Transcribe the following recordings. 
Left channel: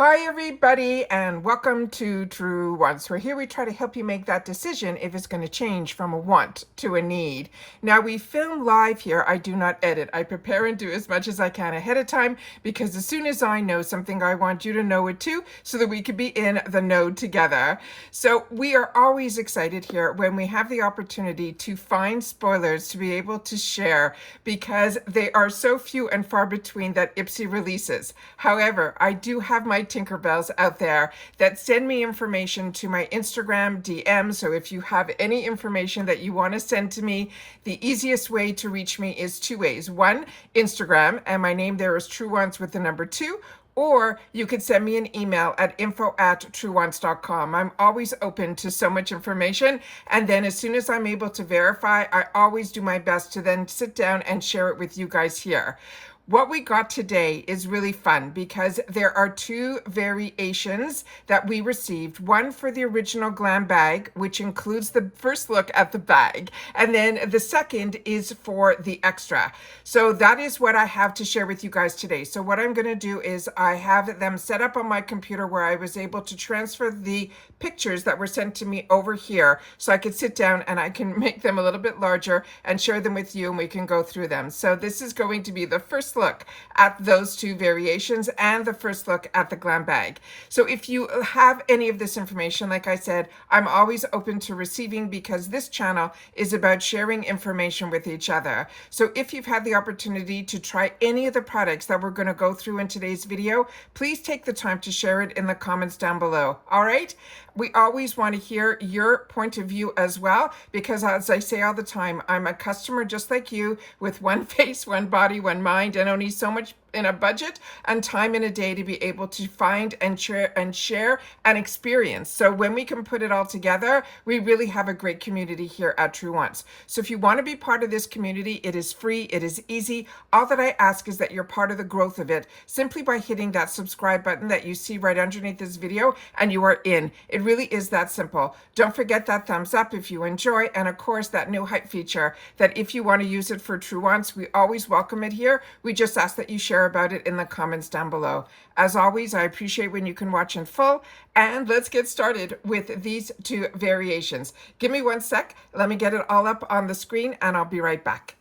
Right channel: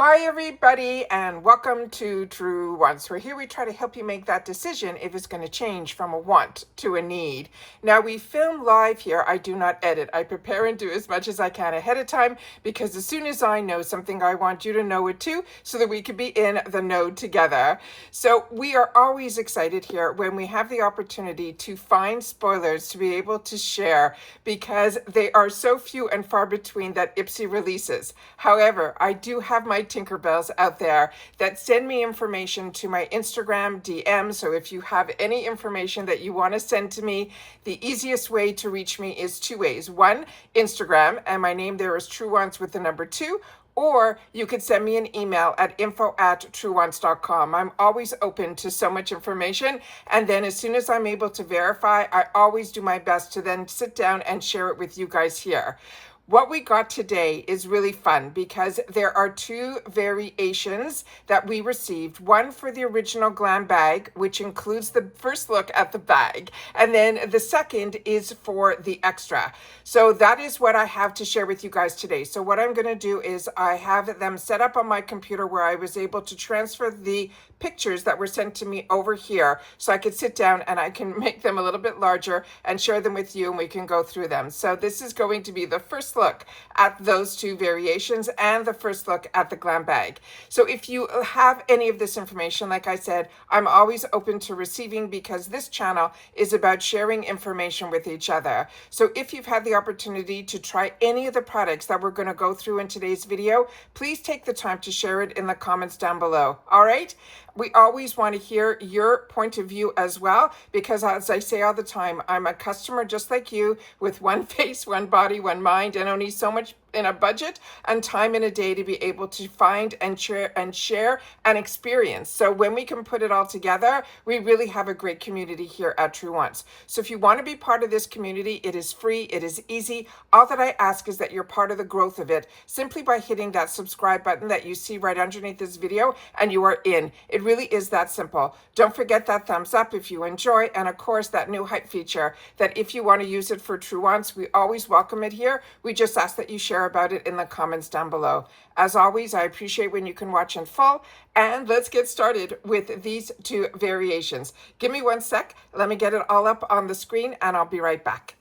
Hi everybody and welcome to TrueWants, where here we try to help you make that decision if it's going to change from a want to a need. Now we film live here. I do not edit. I prepare and do as much as I can ahead of time because as soon as I know something, I want you to know it too so that we can be in the know together. So we are always excited here when we have the opportunity to find spoilers to be able to share because they are so few and far between that IPSY releases. However, I do have my Tinkerbells out there that send me information to my Instagram DM. So if you have any information that you want to send to me, the easiest way to reach me is two ways. One, Instagram, and my name there is TrueWants with the number 2. Or you could send me an email at info@truewants.com. I'm always open to so much information. And then as soon as I'm able to verify, I always do my best to then sit down and share it with you guys here. What we got today is really fun because there are two variations that we received. One for the original Glam Bag, which includes the first look at the bag. And then the second is for the extra. So that is what I have to share with you guys today. So what I'm going to do is I have them set up on my computer where I was able to transfer the pictures that were sent to me over here so I could sit down and I can make them a little bit larger and share them with you and we can go through them. So this is going to be the first look at those two variations and the first look at the Glam Bag. So if you have any of this information, like I said, I'm always open to receiving because this channel is about sharing information with each other. So if you've had the opportunity to try any of the products that we're going to go through in today's video, please take the time to share it in the comments down below. All right? We always want to hear your point of view as well, because as I say all the time, I'm a customer just like you with one face, one body, one mind, and only so much in a budget and time in a day to be able to find and share and experience. So when we can put it all together, we really have a great community here at TrueWants. So if you want to be part of this community, it is free, it is easy. All that I ask is that you're part of the growth of it simply by hitting that subscribe button that you see right underneath this video and you are in. It really is that simple. Don't forget that thumbs up if you enjoy, and of course that new hype feature that if you want to use it for TrueWants, we always welcome it here. We just ask that you share about it in the comments down below. As always, I appreciate when you can watch in full, and let's get started with these two variations. Give me one sec. Let me get it all up on the screen and I'll be right back.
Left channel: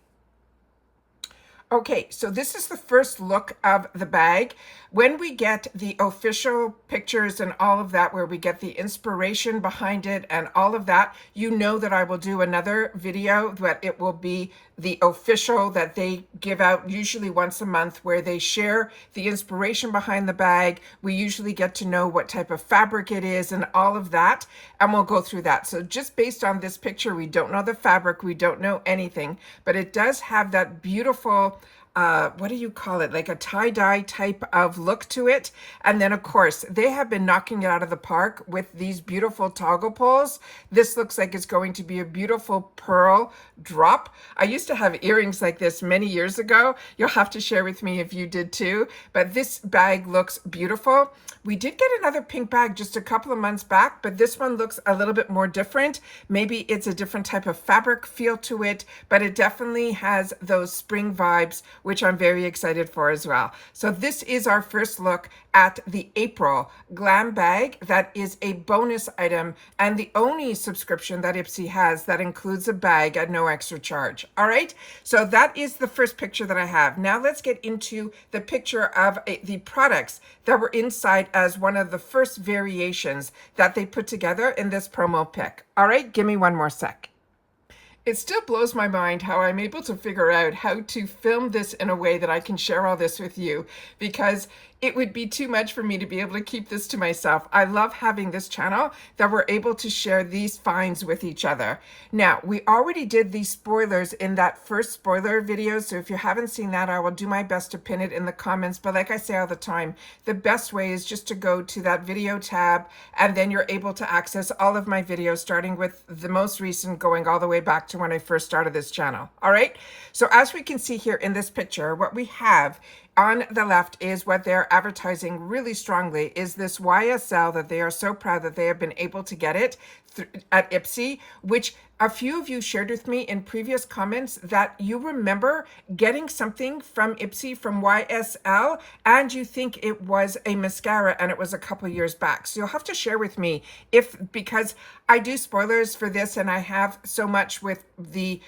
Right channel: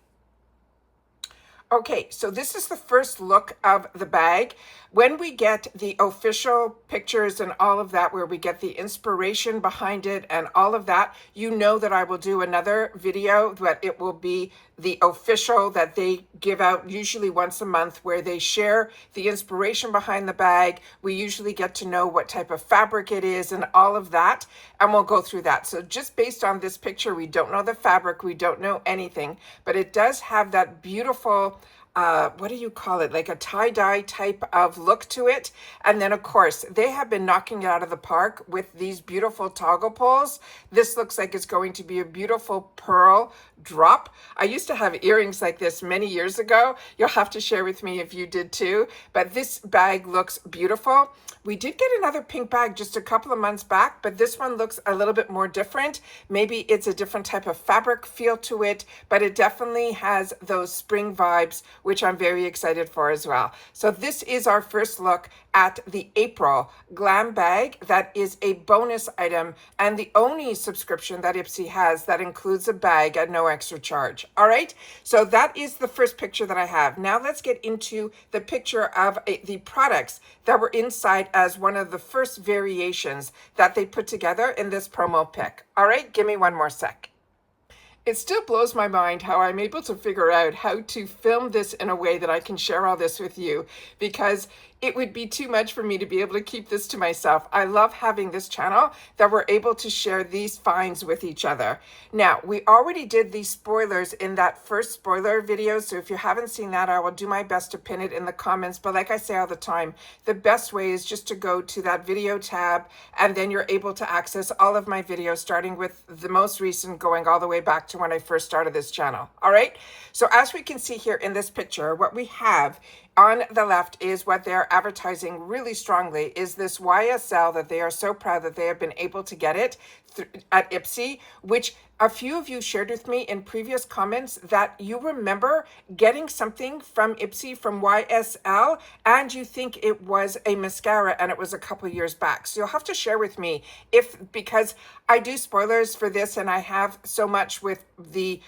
Okay, so this is the first look of the bag. When we get the official pictures and all of that, where we get the inspiration behind it and all of that, you know that I will do another video, but it will be the official that they give out usually once a month, where they share the inspiration behind the bag. We usually get to know what type of fabric it is and all of that, and we'll go through that. So just based on this picture, we don't know the fabric, we don't know anything, but it does have that beautiful what do you call it, like a tie-dye type of look to it. And then of course they have been knocking it out of the park with these beautiful toggle pulls. This looks like it's going to be a beautiful pearl drop. I used to have earrings like this many years ago. You'll have to share with me if you did too, but this bag looks beautiful. We did get another pink bag just a couple of months back, but this one looks a little bit more different. Maybe it's a different type of fabric feel to it, but it definitely has those spring vibes, which I'm very excited for as well. So this is our first look at the April Glam Bag. That is a bonus item and the only subscription that IPSY has that includes a bag at no extra charge. All right, so that is the first picture that I have. Now let's get into the picture of the products that were inside as one of the first variations that they put together in this promo pic. All right, give me one more sec. It still blows my mind how I'm able to figure out how to film this in a way that I can share all this with you, because it would be too much for me to be able to keep this to myself. I love having this channel that we're able to share these finds with each other. Now, we already did these spoilers in that first spoiler video, so if you haven't seen that, I will do my best to pin it in the comments. But like I say all the time, the best way is just to go to that video tab, and then you're able to access all of my videos, starting with the most recent, going all the way back to when I first started this channel. All right, so as we can see here in this picture, what we have on the left is what they're advertising really strongly, is this YSL, that they are so proud that they have been able to get it at IPSY, which a few of you shared with me in previous comments that you remember getting something from IPSY, from YSL, and you think it was a mascara and it was a couple years back. So you'll have to share with me because I do spoilers for this and I have so much with the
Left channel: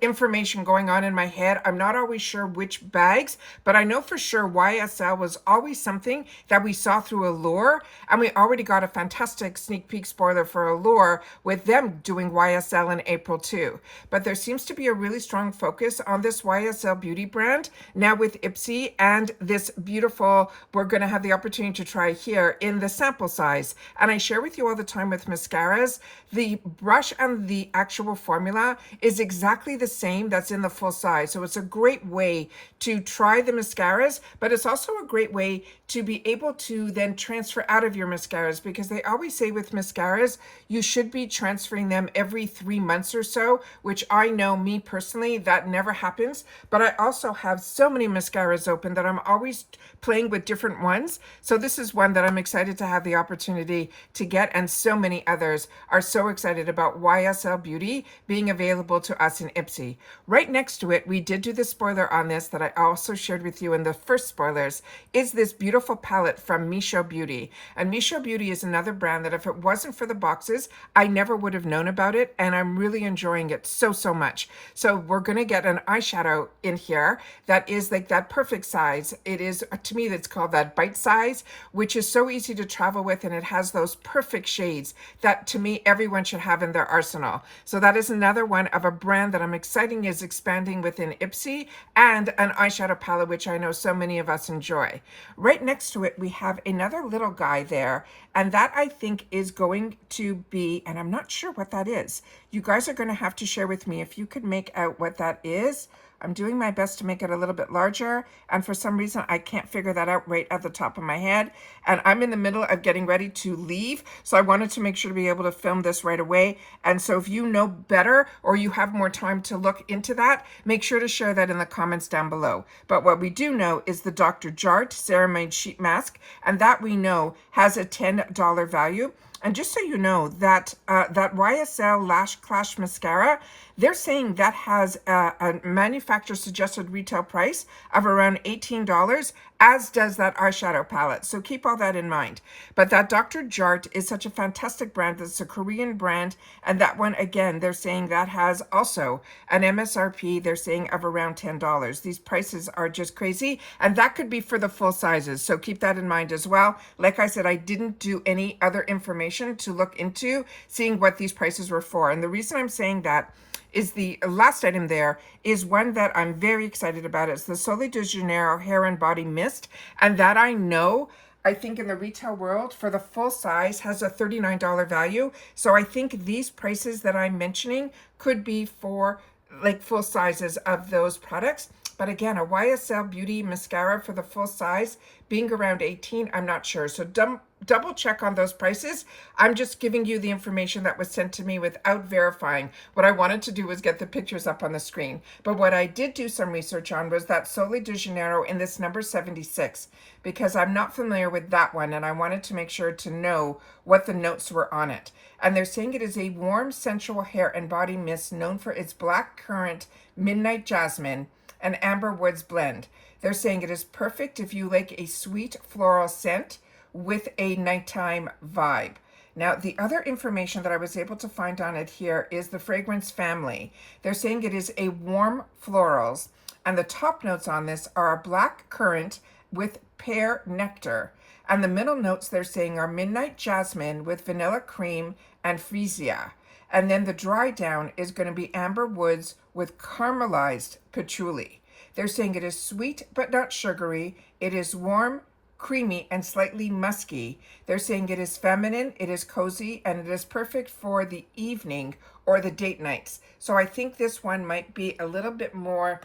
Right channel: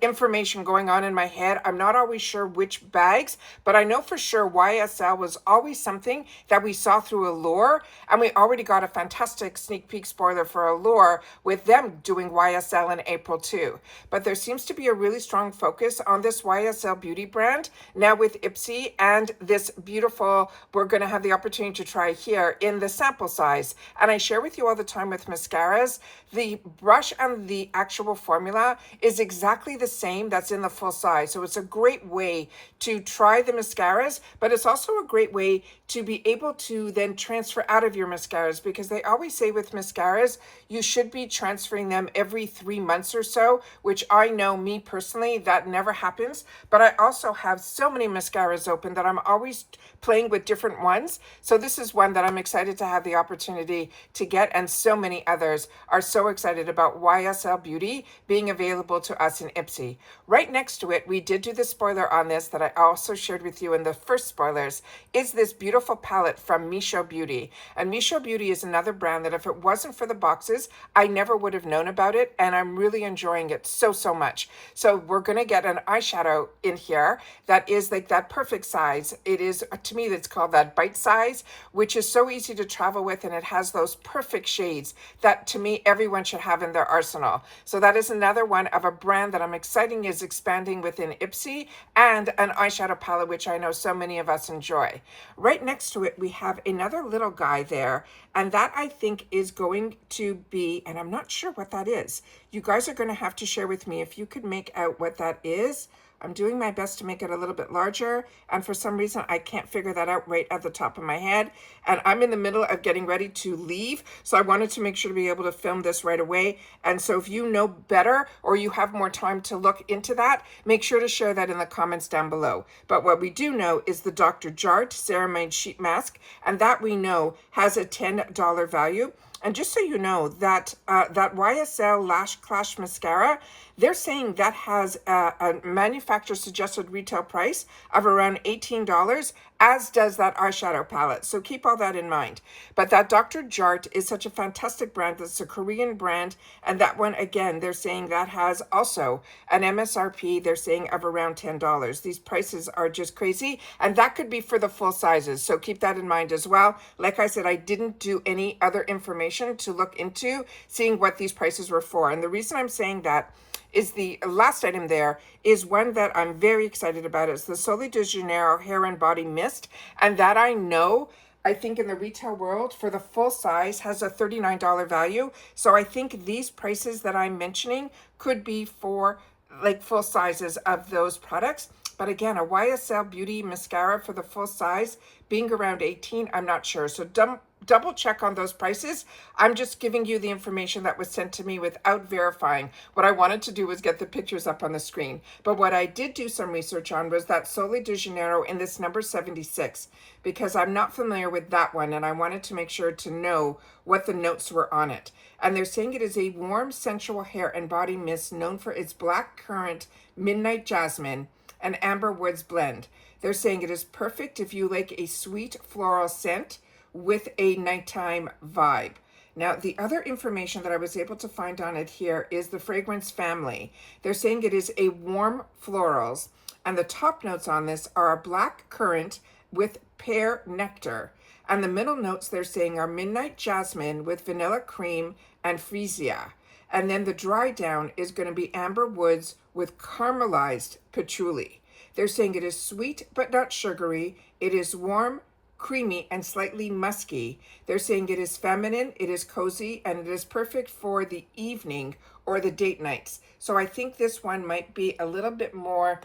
information going on in my head. I'm not always sure which bags, but I know for sure YSL was always something that we saw through Allure, and we already got a fantastic sneak peek spoiler for Allure with them doing YSL in April too. But there seems to be a really strong focus on this YSL beauty brand now with IPSY, and this beautiful, we're going to have the opportunity to try here in the sample size. And I share with you all the time with mascaras, the brush and the actual formula is exactly the same that's in the full size. So it's a great way to try the mascaras, but it's also a great way to be able to then transfer out of your mascaras, because they always say with mascaras, you should be transferring them every 3 months or so, which I know, me personally, that never happens. But I also have so many mascaras open that I'm always playing with different ones. So this is one that I'm excited to have the opportunity to get, and so many others are so excited about YSL Beauty being available to us in IPSY. Right next to it, we did do the spoiler on this that I also shared with you in the first spoilers, is this beautiful palette from Misho Beauty. And Misho Beauty is another brand that if it wasn't for the boxes, I never would have known about it, and I'm really enjoying it so much. So we're going to get an eyeshadow in here that is like that perfect size. It is, to me, that's called that bite size, which is so easy to travel with, and it has those perfect shades that to me everyone should have in their arsenal. So that is another one of a brand that I'm excited is expanding within IPSY, and an eyeshadow palette which I know so many of us enjoy. Right next to it we have another little guy there, and that I think is going to be, and I'm not sure what that is. You guys are going to have to share with me if you could make out what that is. I'm doing my best to make it a little bit larger, and for some reason I can't figure that out right at the top of my head, and I'm in the middle of getting ready to leave, so I wanted to make sure to be able to film this right away. And so if you know better or you have more time to look into that, make sure to share that in the comments down below. But what we do know is the Dr. Jart Ceramide Sheet Mask, and that we know has a $10 value. And just so you know, that that YSL Lash Clash Mascara, they're saying that has a manufacturer suggested retail price of around $18, as does that eyeshadow palette. So keep all that in mind. But that Dr. Jart is such a fantastic brand. That's a Korean brand. And that one, again, they're saying that has also an MSRP, they're saying, of around $10. These prices are just crazy. And that could be for the full sizes. So keep that in mind as well. Like I said, I didn't do any other information to look into seeing what these prices were for. And the reason I'm saying that is the last item there is one that I'm very excited about. It's the Sol de Janeiro Hair and Body Mist. And that I know, I think in the retail world for the full size has a $39 value. So I think these prices that I'm mentioning could be for like full sizes of those products. But again, a YSL Beauty mascara for the full size being around 18, I'm not sure. So double check on those prices. I'm just giving you the information that was sent to me without verifying. What I wanted to do was get the pictures up on the screen. But what I did do some research on was that Sol de Janeiro in this number 76, because I'm not familiar with that one, and I wanted to make sure to know what the notes were on it. And they're saying it is a warm, sensual hair and body mist known for its black currant, midnight jasmine, and amber woods blend. They're saying it is perfect if you like a sweet floral scent with a nighttime vibe. Now, the other information that I was able to find on it here is the fragrance family. They're saying it is a warm florals, and the top notes on this are a black currant with pear nectar. And the middle notes they're saying are midnight jasmine with vanilla cream and freesia. And then the dry down is going to be amber woods with caramelized patchouli. They're saying it is sweet but not sugary. It is warm, creamy, and slightly musky. They're saying it is feminine, it is cozy, and it is perfect for the evening or the date nights. So I think this one might be a little bit more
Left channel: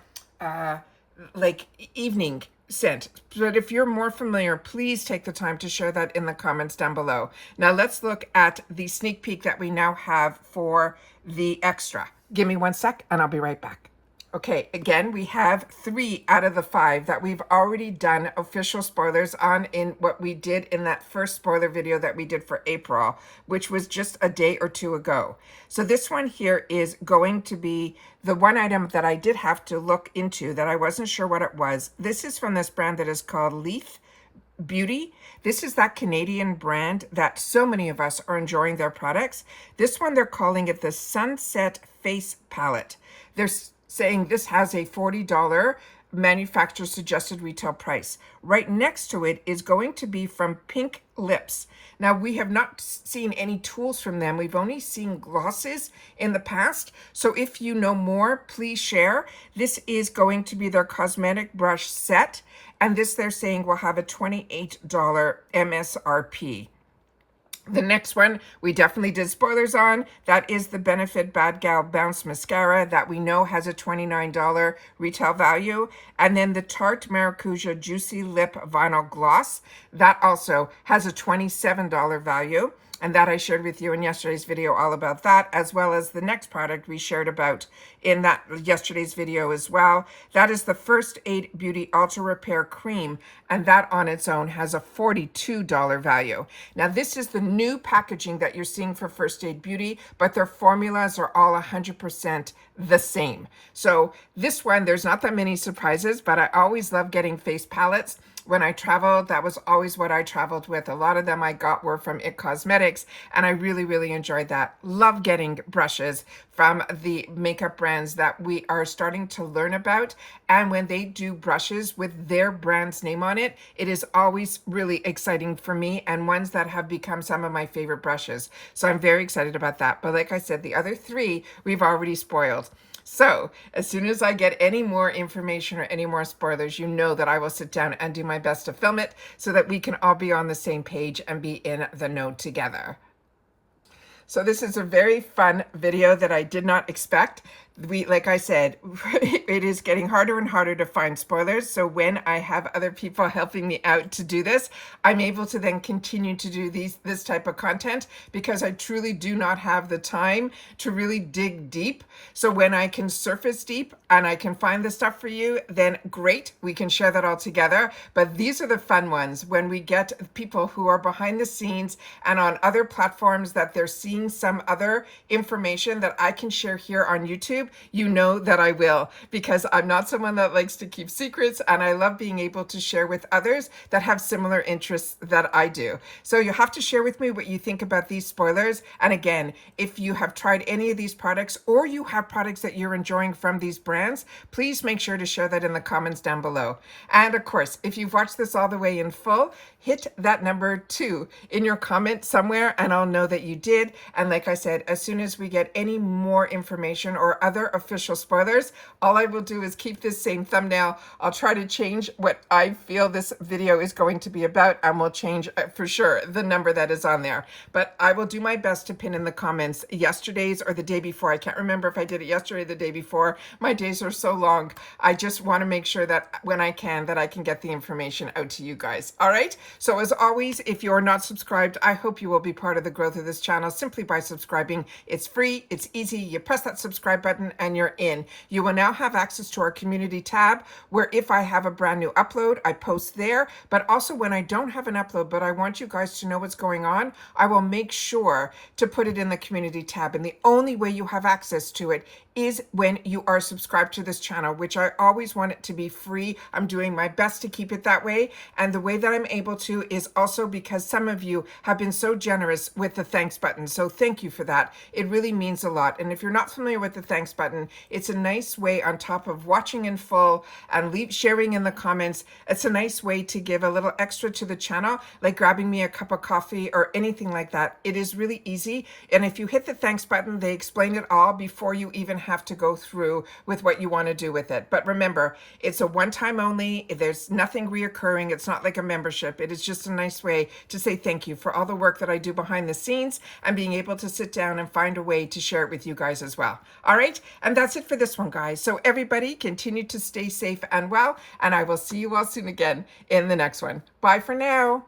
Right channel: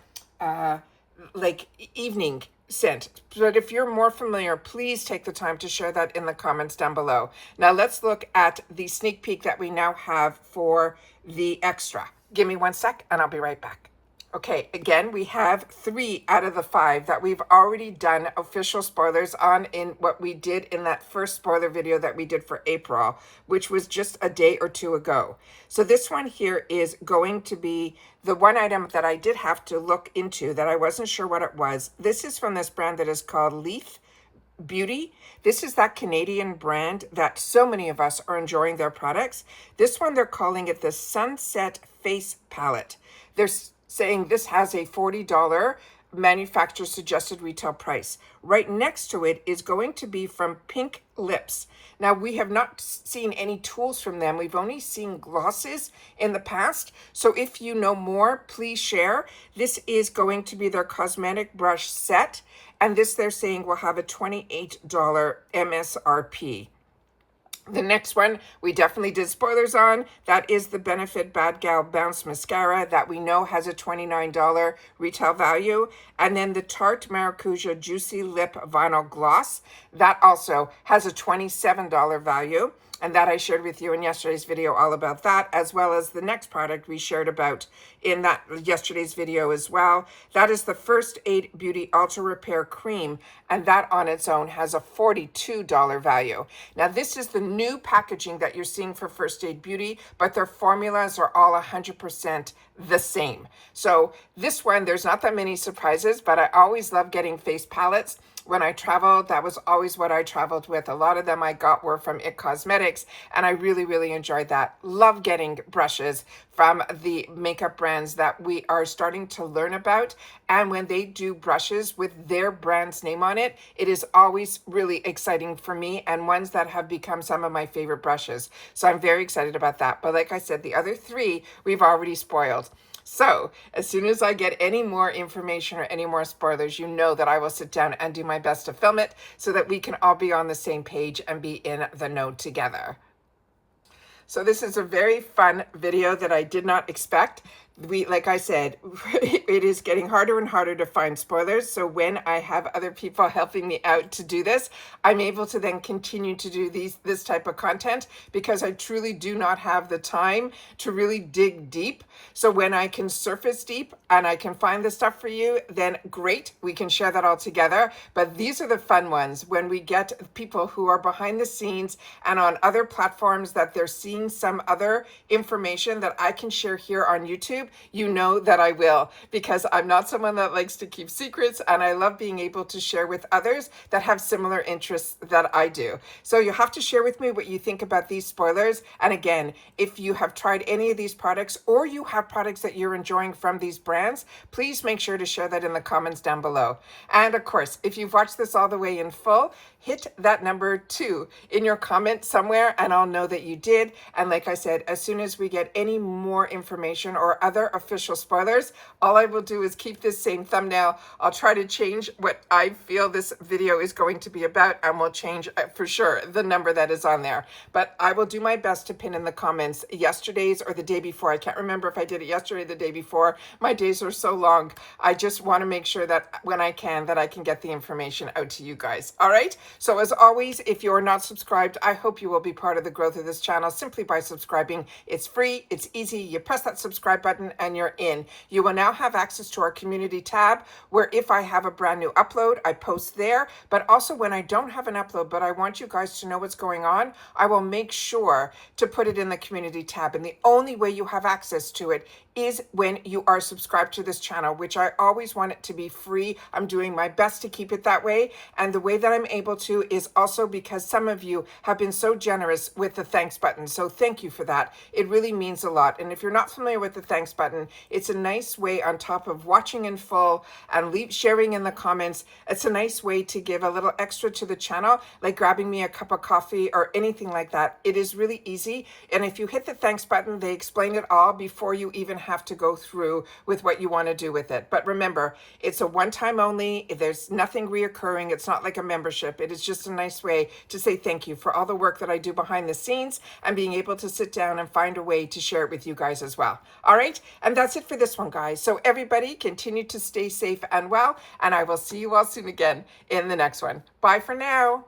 like evening scent. But if you're more familiar, please take the time to share that in the comments down below. Now let's look at the sneak peek that we now have for the extra. Give me 1 sec and I'll be right back. Okay, again, we have 3 out of the 5 that we've already done official spoilers on in what we did in that first spoiler video that we did for April, which was just a day or 2 ago. So this one here is going to be the one item that I did have to look into that I wasn't sure what it was. This is from this brand that is called Allure Beauty. This is that Canadian brand that so many of us are enjoying their products. This one, they're calling it the Sunset Face Palette. They're saying this has a $40 manufacturer suggested retail price. Right next to it is going to be from Pink Lips. Now, we have not seen any tools from them. We've only seen glosses in the past. So if you know more, please share. This is going to be their cosmetic brush set. And this, they're saying, will have a $28 MSRP. The next one we definitely did spoilers on. That is the Benefit Bad Gal Bounce Mascara that we know has a $29 retail value. And then the Tarte Maracuja Juicy Lip Vinyl Gloss. That also has a $27 value. And that I shared with you in yesterday's video all about that, as well as the next product we shared about in that yesterday's video as well. That is the First Aid Beauty Ultra Repair Cream, and that on its own has a $42 value. Now, this is the new packaging that you're seeing for First Aid Beauty, but their formulas are all 100% the same. So this one, there's not that many surprises, but I always love getting face palettes. When I traveled, that was always what I traveled with. A lot of them I got were from IT Cosmetics, and I really, really enjoyed that. Love getting brushes from the makeup brands that we are starting to learn about. And when they do brushes with their brand's name on it, it is always really exciting for me, and ones that have become some of my favorite brushes. So I'm very excited about that. But like I said, the other 3 we've already spoiled. So as soon as I get any more information or any more spoilers, you know that I will sit down and do my best to film it so that we can all be on the same page and be in the know together. So this is a very fun video that I did not expect. Like I said, it is getting harder and harder to find spoilers. So when I have other people helping me out to do this, I'm able to then continue to do this type of content, because I truly do not have the time to really dig deep. So when I can surface deep and I can find the stuff for you, then great, we can share that all together. But these are the fun ones, when we get people who are behind the scenes and on other platforms that they're seeing some other information that I can share here on YouTube. You know that I will, because I'm not someone that likes to keep secrets, and I love being able to share with others that have similar interests that I do. So you have to share with me what you think about these spoilers. And again, if you have tried any of these products, or you have products that you're enjoying from these brands, please make sure to share that in the comments down below. And of course, if you've watched this all the way in full, hit that number 2 in your comment somewhere, and I'll know that you did. And like I said, as soon as we get any more information or other official spoilers, all I will do is keep this same thumbnail. I'll try to change what I feel this video is going to be about, and we'll change for sure the number that is on there. But I will do my best to pin in the comments yesterday's or the day before. I can't remember if I did it yesterday or the day before. My days are so long. I just want to make sure that when I can, that I can get the information out to you guys. All right? So as always, if you are not subscribed, I hope you will be part of the growth of this channel simply by subscribing. It's free, it's easy. You press that subscribe button and you're in. You will now have access to our community tab, where if I have a brand new upload, I post there. But also when I don't have an upload, but I want you guys to know what's going on, I will make sure to put it in the community tab. And the only way you have access to it is when you are subscribed to this channel, which I always want it to be free. I'm doing my best to keep it that way. And the way that I'm able to is also because some of you have been so generous with the thanks button. So thank you for that. It really means a lot. And if you're not familiar with the thanks button, it's a nice way, on top of watching in full and sharing in the comments, it's a nice way to give a little extra to the channel, like grabbing me a cup of coffee or anything like that. It is really easy. And if you hit the thanks button, they explain it all before you even have to go through with what you want to do with it. But remember, it's a one-time only. There's nothing reoccurring. It's not like a membership. It is just a nice way to say thank you for all the work that I do behind the scenes, and being able to sit down and find a way to share it with you guys as well. All right, and that's it for this one, guys. So everybody continue to stay safe and well, and I will see you all soon again in the next one. Bye for now.